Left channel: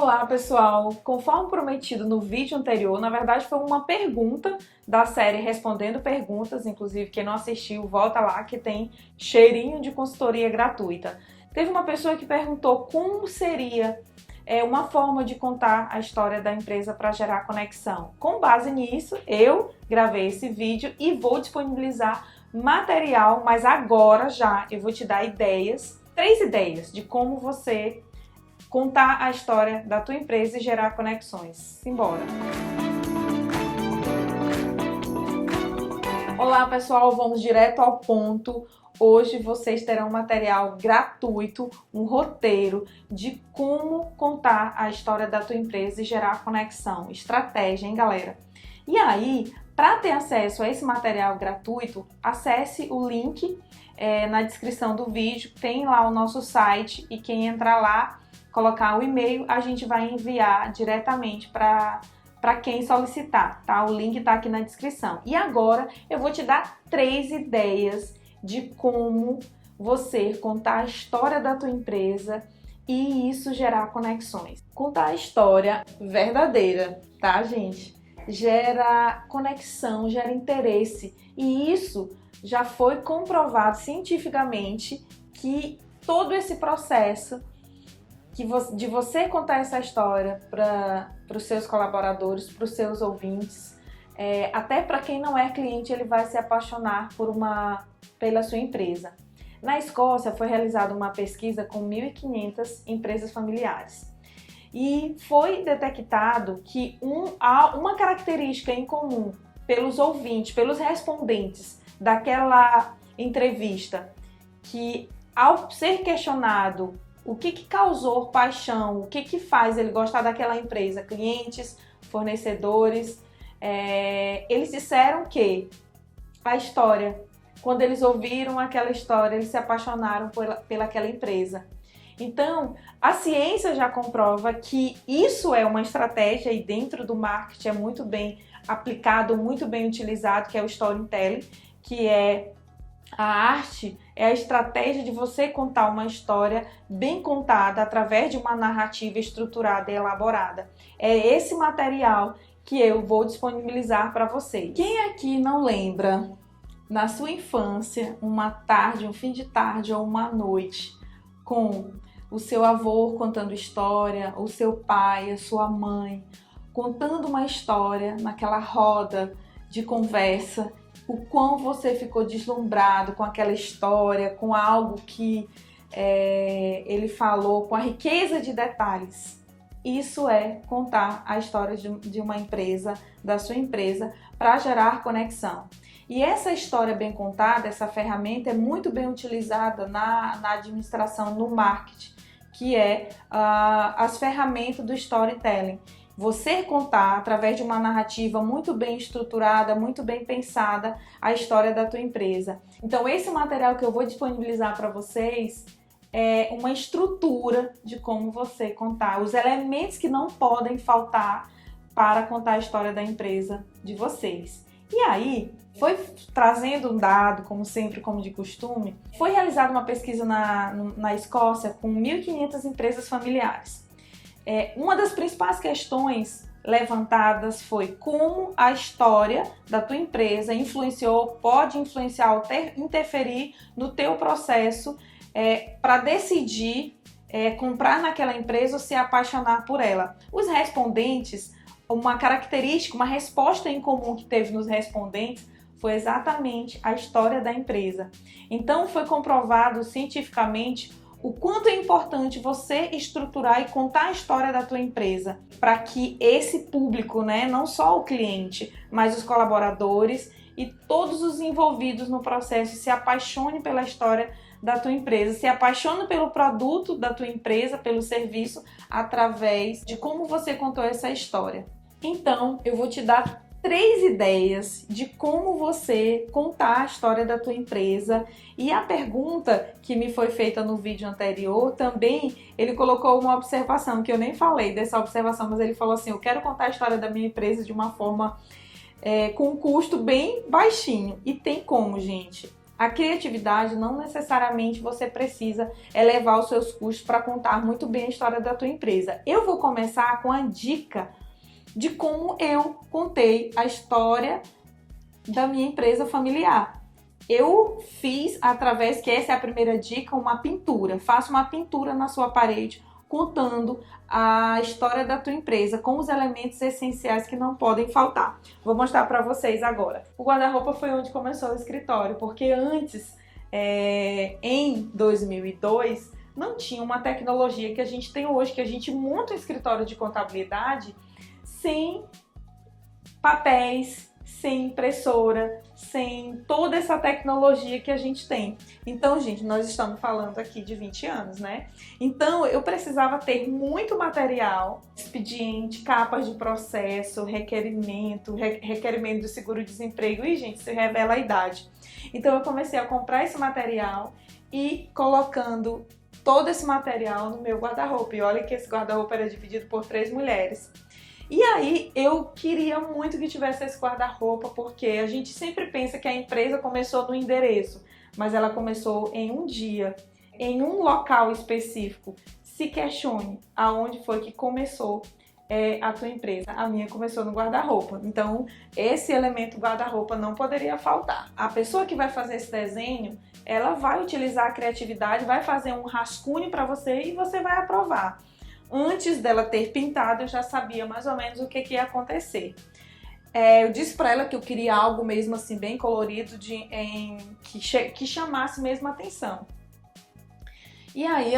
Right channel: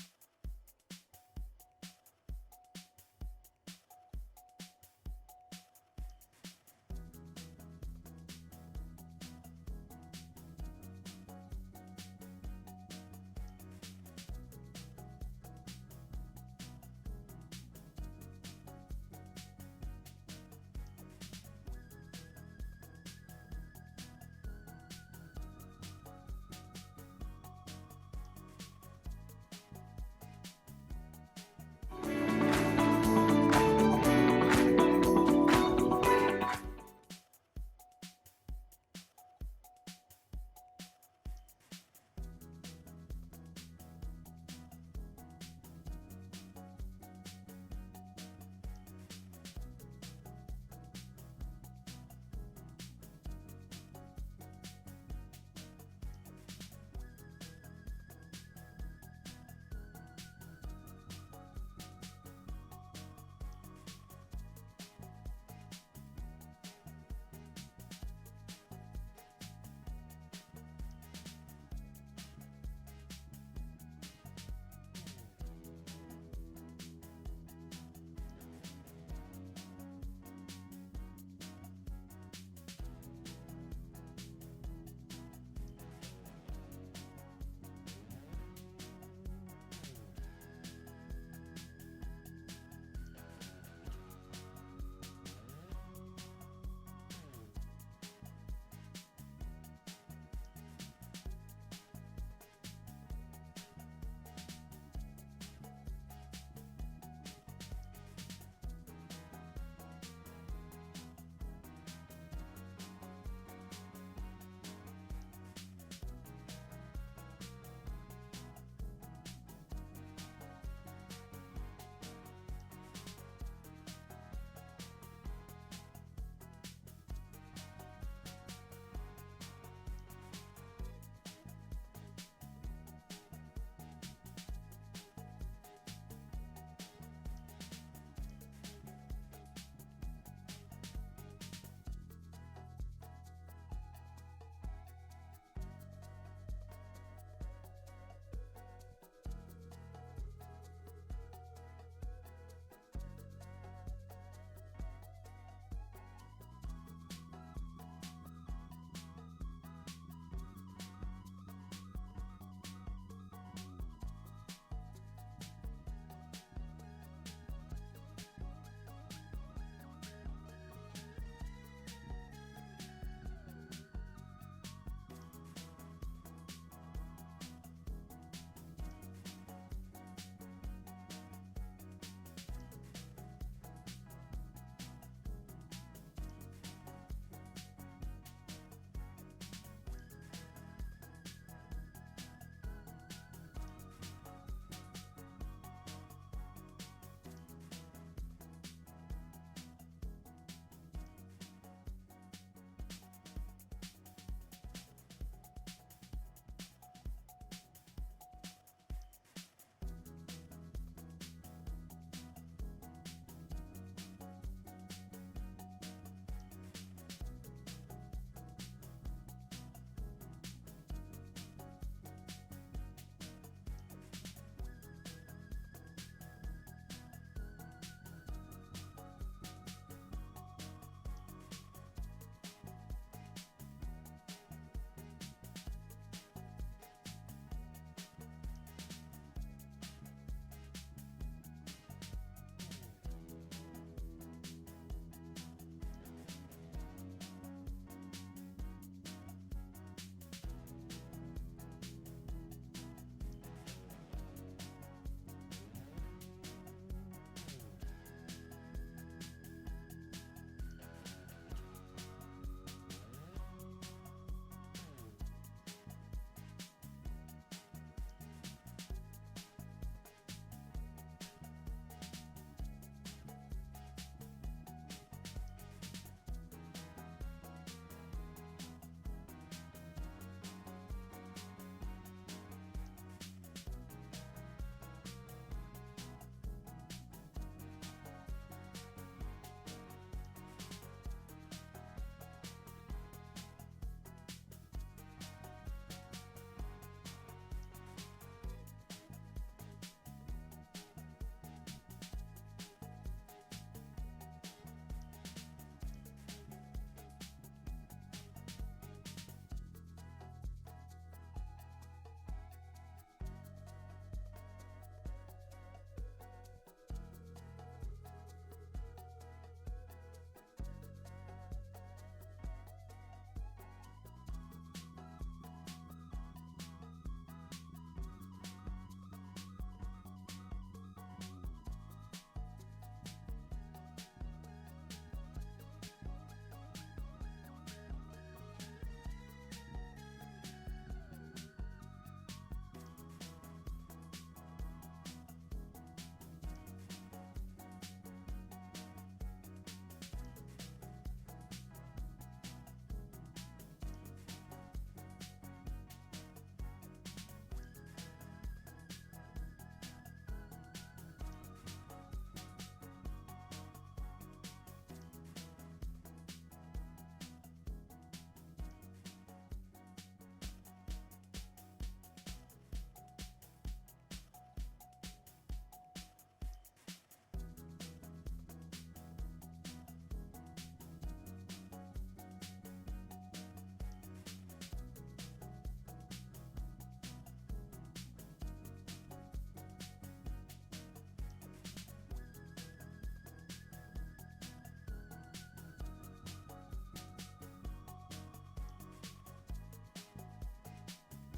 Olá pessoal, conforme prometido no vídeo anterior, na verdade foi uma pergunta da série Respondendo Perguntas, inclusive quem não assistiu, volta lá que tem cheirinho de consultoria gratuita. Teve uma pessoa que perguntou como seria uma forma de contar a história da empresa para gerar conexão. Com base nisso, eu gravei esse vídeo e vou disponibilizar material, mas agora já eu vou te dar três ideias de como você contar a história da tua empresa e gerar conexões. Simbora! Olá pessoal, vamos direto ao ponto. Hoje vocês terão material gratuito, um roteiro de como contar a história da tua empresa e gerar conexão, estratégia, hein galera? E aí, para ter acesso a esse material gratuito, acesse o link na descrição do vídeo, tem lá o nosso site e quem entrar lá, colocar o e-mail, a gente vai enviar diretamente para quem solicitar, tá? O link tá aqui na descrição. E agora eu vou te dar 3 ideias de como você contar a história da tua empresa e isso gerar conexões. Contar a história verdadeira, tá, gente? Gera conexão, gera interesse e isso já foi comprovado cientificamente que todo esse processo de você contar essa história para os seus colaboradores, para os seus ouvintes, até para quem não é cliente, ele vai se apaixonar pela sua empresa. Na Escócia foi realizada uma pesquisa com 1.500 empresas familiares e foi detectado que há uma característica em comum pelos ouvintes, pelos respondentes daquela entrevista, que ao ser questionado o que causou paixão, o que faz ele gostar daquela empresa, clientes, fornecedores, eles disseram que a história, quando eles ouviram aquela história, eles se apaixonaram pelaquela empresa. Então, a ciência já comprova que isso é uma estratégia e dentro do marketing é muito bem aplicado, muito bem utilizado, que é o storytelling, que é a arte, é a estratégia de você contar uma história bem contada através de uma narrativa estruturada e elaborada. É esse material que eu vou disponibilizar para vocês. Quem aqui não lembra, na sua infância, uma tarde, um fim de tarde ou uma noite, com o seu avô contando história, o seu pai, a sua mãe, contando uma história naquela roda de conversa, o quão você ficou deslumbrado com aquela história, com algo que ele falou, com a riqueza de detalhes. Isso é contar a história de uma empresa, da sua empresa, para gerar conexão. E essa história bem contada, essa ferramenta é muito bem utilizada na administração, no marketing, que é as ferramentas do storytelling. Você contar, através de uma narrativa muito bem estruturada, muito bem pensada, a história da tua empresa. Então, esse material que eu vou disponibilizar para vocês é uma estrutura de como você contar, os elementos que não podem faltar para contar a história da empresa de vocês. E aí, foi trazendo um dado, como sempre, como de costume, foi realizada uma pesquisa na Escócia com 1.500 empresas familiares. Uma das principais questões levantadas foi como a história da tua empresa pode influenciar ou interferir no teu processo para decidir comprar naquela empresa ou se apaixonar por ela. Os respondentes, uma característica, uma resposta em comum que teve nos respondentes foi exatamente a história da empresa. Então foi comprovado cientificamente o quanto é importante você estruturar e contar a história da tua empresa para que esse público, não só o cliente, mas os colaboradores e todos os envolvidos no processo se apaixonem pela história da tua empresa, se apaixonem pelo produto da tua empresa, pelo serviço, através de como você contou essa história. Então, eu vou te dar 3 ideias de como você contar a história da tua empresa. E a pergunta que me foi feita no vídeo anterior também, ele colocou uma observação, que eu nem falei dessa observação, mas ele falou assim, eu quero contar a história da minha empresa de uma forma com um custo bem baixinho. E tem como, gente. A criatividade não necessariamente você precisa elevar os seus custos para contar muito bem a história da tua empresa. Eu vou começar com a dica de como eu contei a história da minha empresa familiar. Eu fiz, através, que essa é a primeira dica, uma pintura. Faça uma pintura na sua parede contando a história da tua empresa com os elementos essenciais que não podem faltar. Vou mostrar para vocês agora. O guarda-roupa foi onde começou o escritório, porque antes, em 2002, não tinha uma tecnologia que a gente tem hoje, que a gente monta um escritório de contabilidade sem papéis, sem impressora, sem toda essa tecnologia que a gente tem. Então, gente, nós estamos falando aqui de 20 anos, né? Então, eu precisava ter muito material, expediente, capas de processo, requerimento do seguro-desemprego. E, gente, isso revela a idade. Então, eu comecei a comprar esse material e colocando todo esse material no meu guarda-roupa. E olha que esse guarda-roupa era dividido por 3 mulheres. E aí eu queria muito que tivesse esse guarda-roupa, porque a gente sempre pensa que a empresa começou no endereço, mas ela começou em um dia, em um local específico. Se questione aonde foi que começou a tua empresa. A minha começou no guarda-roupa. Então, esse elemento guarda-roupa não poderia faltar. A pessoa que vai fazer esse desenho, ela vai utilizar a criatividade, vai fazer um rascunho para você e você vai aprovar. Antes dela ter pintado, eu já sabia mais ou menos o que ia acontecer. Eu disse para ela que eu queria algo mesmo assim bem colorido, que chamasse mesmo a atenção. E aí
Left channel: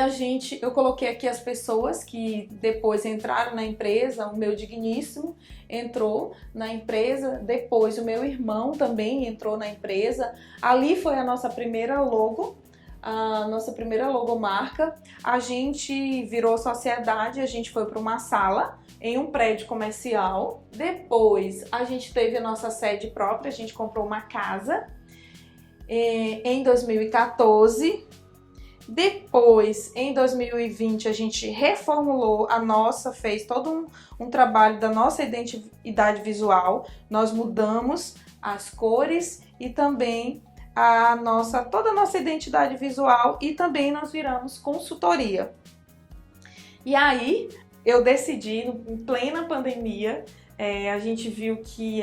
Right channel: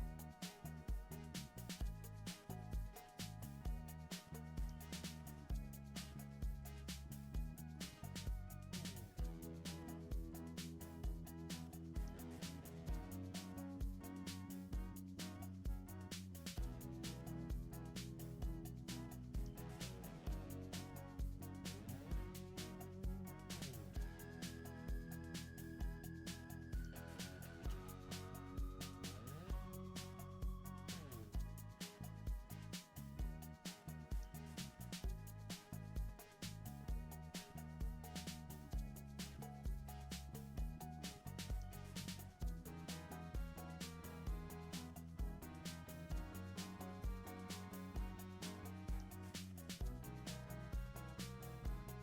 eu coloquei aqui as pessoas que depois entraram na empresa. O meu digníssimo entrou na empresa, depois o meu irmão também entrou na empresa. Ali foi a nossa primeira logo, a nossa primeira logomarca. A gente virou sociedade, a gente foi para uma sala em um prédio comercial. Depois a gente teve a nossa sede própria, a gente comprou uma casa em 2014. Depois, em 2020, a gente reformulou fez todo um trabalho da nossa identidade visual. Nós mudamos as cores e também toda a nossa identidade visual, e também nós viramos consultoria. E aí eu decidi, em plena pandemia, a gente viu que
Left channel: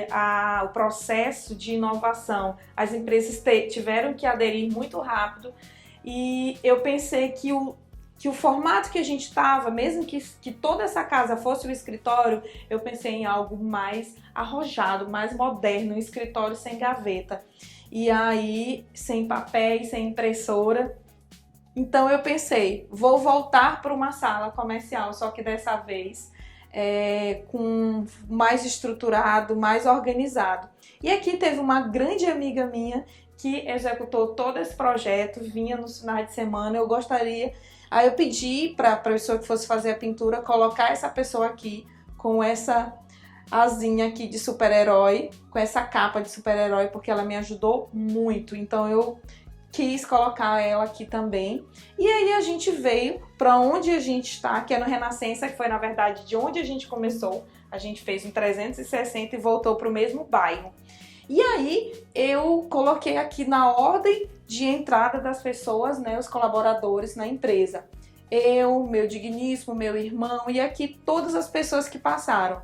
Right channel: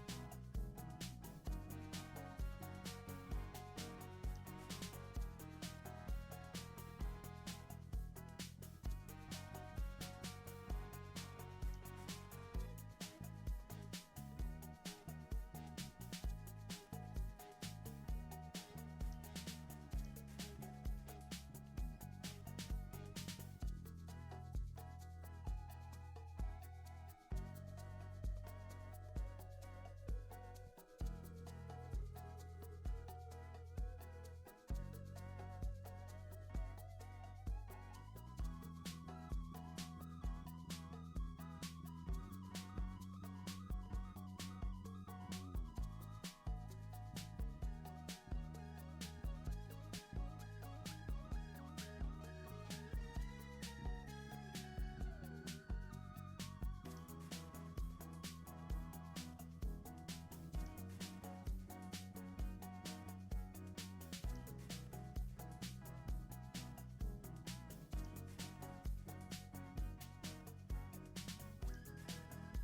o processo de inovação, as empresas tiveram que aderir muito rápido, e eu pensei que o formato que a gente estava, mesmo que toda essa casa fosse um escritório, eu pensei em algo mais arrojado, mais moderno, um escritório sem gaveta. E aí, sem papéis, sem impressora. Então eu pensei, vou voltar para uma sala comercial, só que dessa vez com mais estruturado, mais organizado. E aqui teve uma grande amiga minha que executou todo esse projeto, vinha nos finais de semana. Aí eu pedi para a pessoa que fosse fazer a pintura colocar essa pessoa aqui com essa asinha aqui de super-herói, com essa capa de super-herói, porque ela me ajudou muito. Então eu quis colocar ela aqui também. E aí a gente veio para onde a gente está, que é no Renascença, que foi na verdade de onde a gente começou. A gente fez um 360 e voltou para o mesmo bairro. E aí eu coloquei aqui na ordem de entrada das pessoas, né, os colaboradores na empresa. Eu, meu digníssimo, meu irmão, e aqui todas as pessoas que passaram.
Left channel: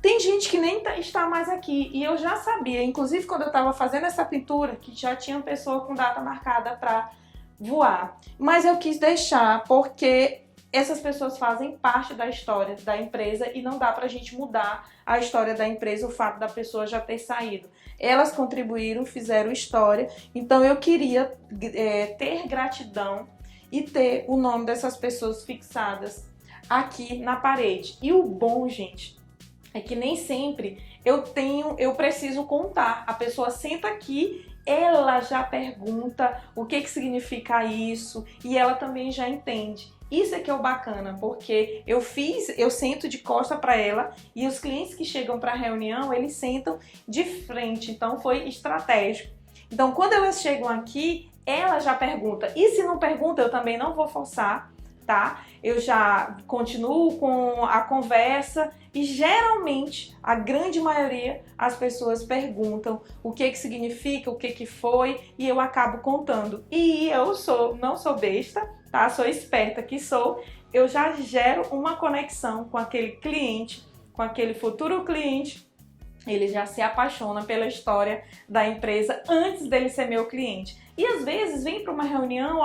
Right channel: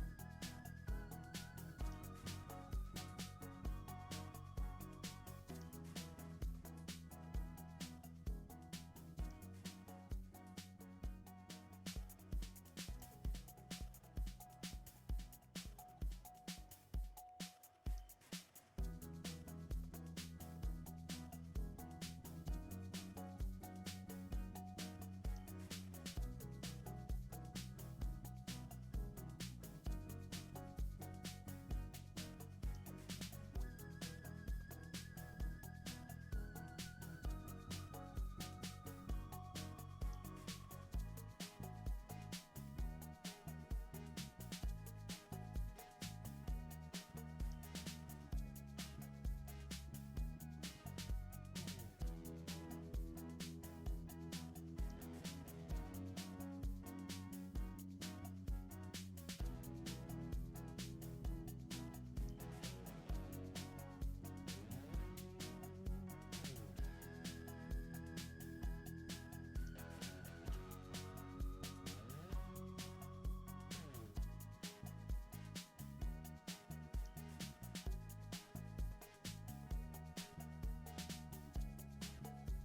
Tem gente que nem está mais aqui, e eu já sabia, inclusive quando eu estava fazendo essa pintura, que já tinha pessoa com data marcada para voar. Mas eu quis deixar porque essas pessoas fazem parte da história da empresa e não dá pra gente mudar a história da empresa, o fato da pessoa já ter saído. Elas contribuíram, fizeram história, então eu queria ter gratidão e ter o nome dessas pessoas fixadas aqui na parede. E o bom, gente, é que nem sempre eu preciso contar. A pessoa senta aqui, ela já pergunta o que significa isso e ela também já entende. Isso é que é o bacana, porque eu sento de costa para ela e os clientes que chegam para a reunião, eles sentam de frente, então foi estratégico. Então quando elas chegam aqui, ela já pergunta, e se não pergunta, eu também não vou forçar, tá? Eu já continuo com a conversa e geralmente, a grande maioria, as pessoas perguntam o que significa, o que foi, e eu acabo contando. E eu não sou besta, tá? Sou esperta que sou. Eu já gero uma conexão com aquele cliente, com aquele futuro cliente. Ele já se apaixona pela história da empresa antes dele ser meu cliente. E às vezes vem para uma reunião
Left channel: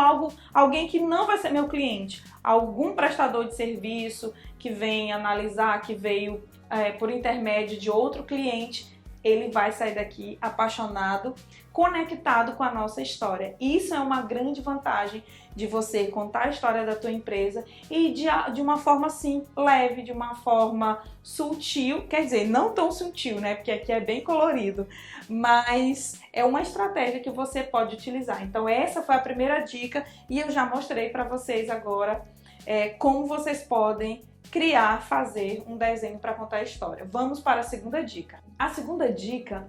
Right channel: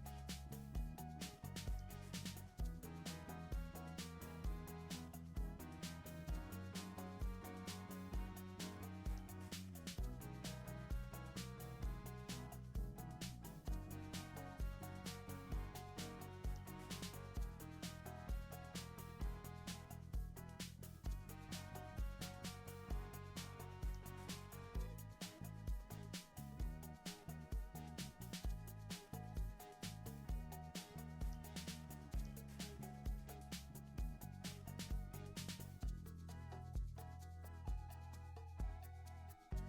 alguém que não vai ser meu cliente, algum prestador de serviço que vem analisar, que veio por intermédio de outro cliente, ele vai sair daqui apaixonado, conectado com a nossa história. Isso é uma grande vantagem de você contar a história da tua empresa e de uma forma assim, leve, de uma forma sutil, quer dizer, não tão sutil, né, porque aqui é bem colorido, mas é uma estratégia que você pode utilizar. Então essa foi a primeira dica e eu já mostrei para vocês agora como vocês podem criar, fazer um desenho para contar a história. Vamos para a segunda dica. A segunda dica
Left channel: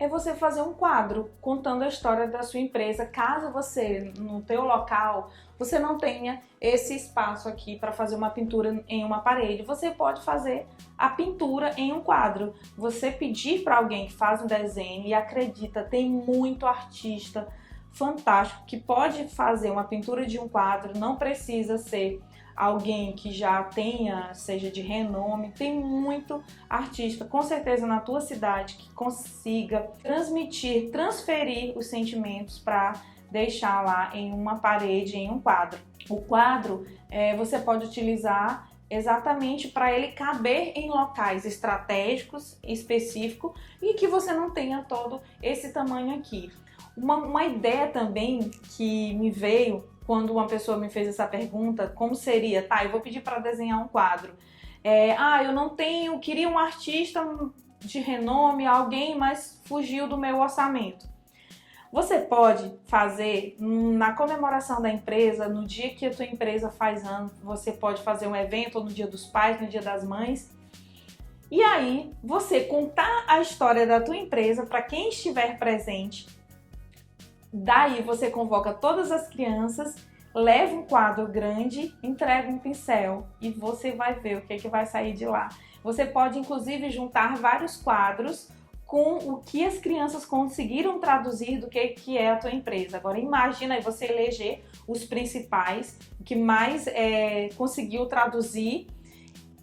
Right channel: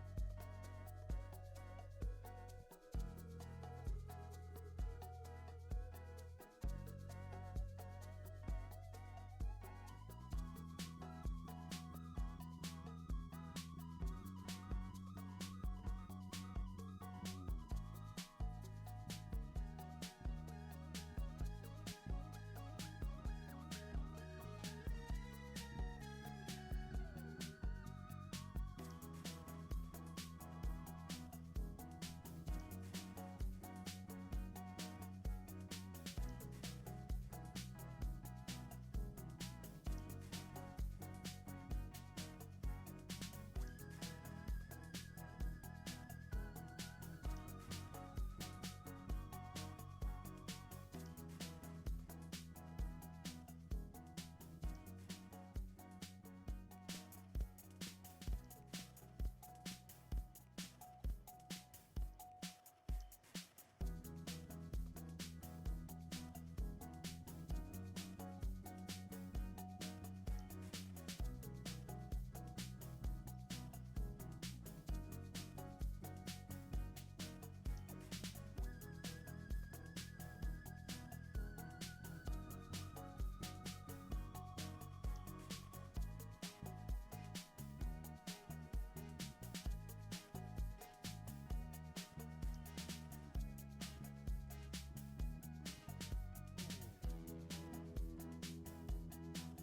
é você fazer um quadro contando a história da sua empresa, caso você, no teu local, você não tenha esse espaço aqui para fazer uma pintura em uma parede. Você pode fazer a pintura em um quadro. Você pedir para alguém que faz um desenho, e acredita, tem muito artista fantástico que pode fazer uma pintura de um quadro, não precisa ser alguém que já tenha, seja de renome. Tem muito artista, com certeza na tua cidade, que consiga transmitir, transferir os sentimentos para deixar lá em uma parede, em um quadro. O quadro você pode utilizar exatamente para ele caber em locais estratégicos, específicos, e que você não tenha todo esse tamanho aqui. Uma ideia também que me veio quando uma pessoa me fez essa pergunta, como seria, tá, eu vou pedir para desenhar um quadro. Eu não tenho, queria um artista de renome, alguém, mas fugiu do meu orçamento. Você pode fazer na comemoração da empresa, no dia que a tua empresa faz ano, você pode fazer um evento, ou no dia dos pais, no dia das mães, e aí você contar a história da tua empresa para quem estiver presente. Daí você convoca todas as crianças, leva um quadro grande, entrega um pincel e você vai ver o que vai sair de lá. Você pode inclusive juntar vários quadros com o que as crianças conseguiram traduzir do que é a tua empresa. Agora imagina aí você eleger os principais, o que mais conseguiu traduzir,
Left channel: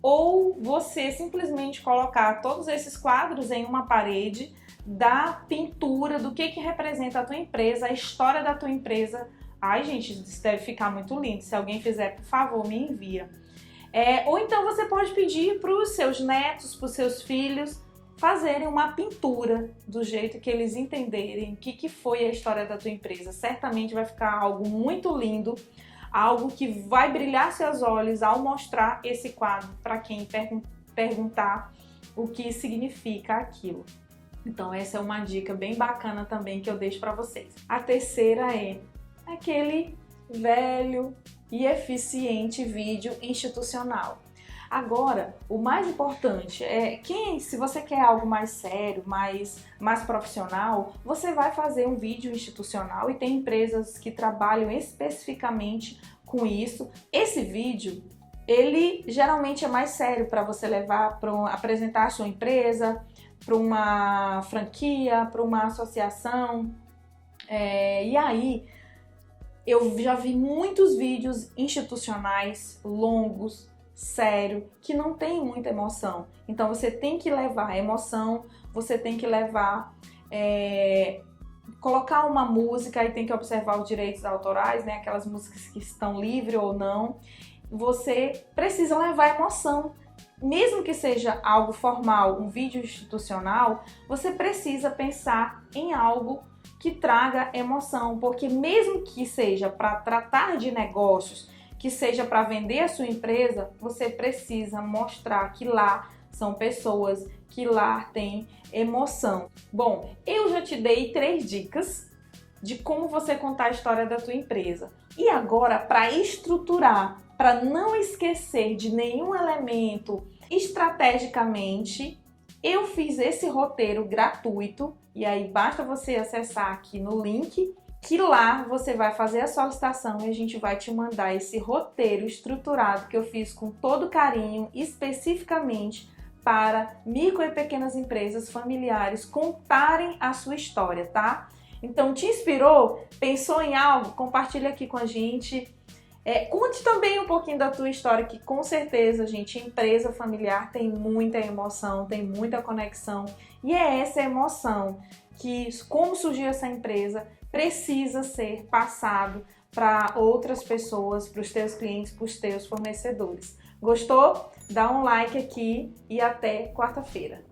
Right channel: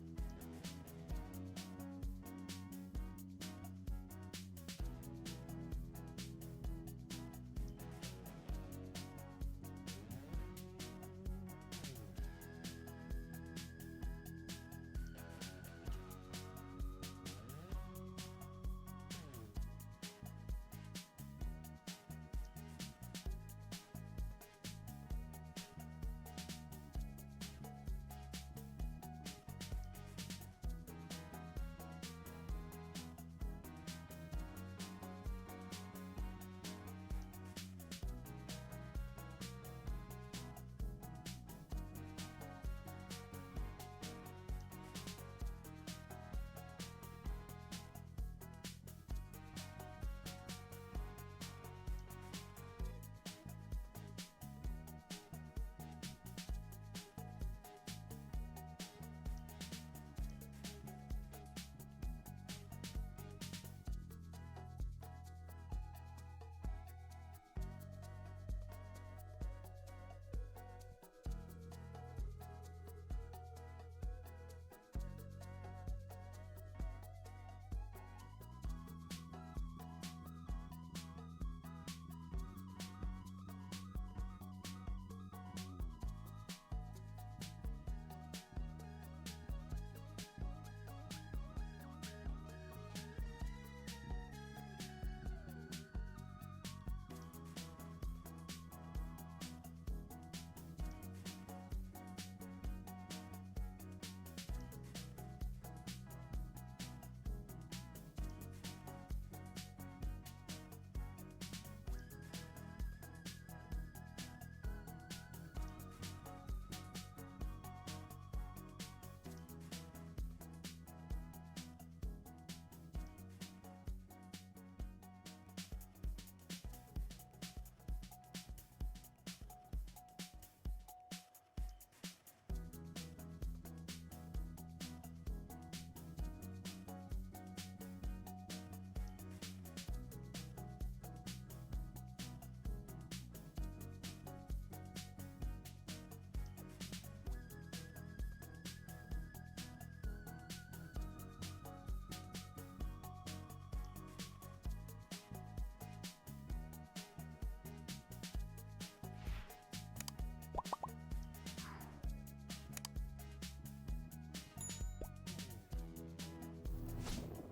ou você simplesmente colocar todos esses quadros em uma parede da pintura, do que representa a tua empresa, a história da tua empresa. Ai, gente, isso deve ficar muito lindo. Se alguém fizer, por favor, me envia. Ou então você pode pedir para os seus netos, para os seus filhos, fazerem uma pintura do jeito que eles entenderem o que foi a história da tua empresa. Certamente vai ficar algo muito lindo, algo que vai brilhar seus olhos ao mostrar esse quadro para quem perguntar o que significa aquilo. Então essa é uma dica bem bacana também que eu deixo para vocês. A terceira é aquele velho e eficiente vídeo institucional. Agora, o mais importante é se você quer algo mais sério, mais profissional, você vai fazer um vídeo institucional, e tem empresas que trabalham especificamente com isso. Esse vídeo, ele geralmente é mais sério para você levar para apresentar a sua empresa, para uma franquia, para uma associação. E aí, eu já vi muitos vídeos institucionais longos, sério, que não tem muita emoção. Então você tem que levar emoção, você tem que levar, colocar uma música, e tem que observar os direitos autorais, né? Aquelas músicas que estão livres ou não. Você precisa levar emoção. Mesmo que seja algo formal, um vídeo institucional, você precisa pensar em algo que traga emoção, porque mesmo que seja para tratar de negócios, que seja para vender a sua empresa, você precisa mostrar que lá são pessoas, que lá tem emoção. Bom, eu já te dei 3 dicas de como você contar a história da tua empresa. E agora, para estruturar, para não esquecer de nenhum elemento estrategicamente, eu fiz esse roteiro gratuito, e aí basta você acessar aqui no link que lá você vai fazer a solicitação e a gente vai te mandar esse roteiro estruturado que eu fiz com todo carinho, especificamente para micro e pequenas empresas familiares contarem a sua história, tá? Então, te inspirou? Pensou em algo? Compartilha aqui com a gente. Conte também um pouquinho da tua história, que com certeza, gente, empresa familiar tem muita emoção, tem muita conexão. E é essa emoção que, como surgiu essa empresa, precisa ser passado para outras pessoas, para os teus clientes, para os teus fornecedores. Gostou? Dá um like aqui e até quarta-feira.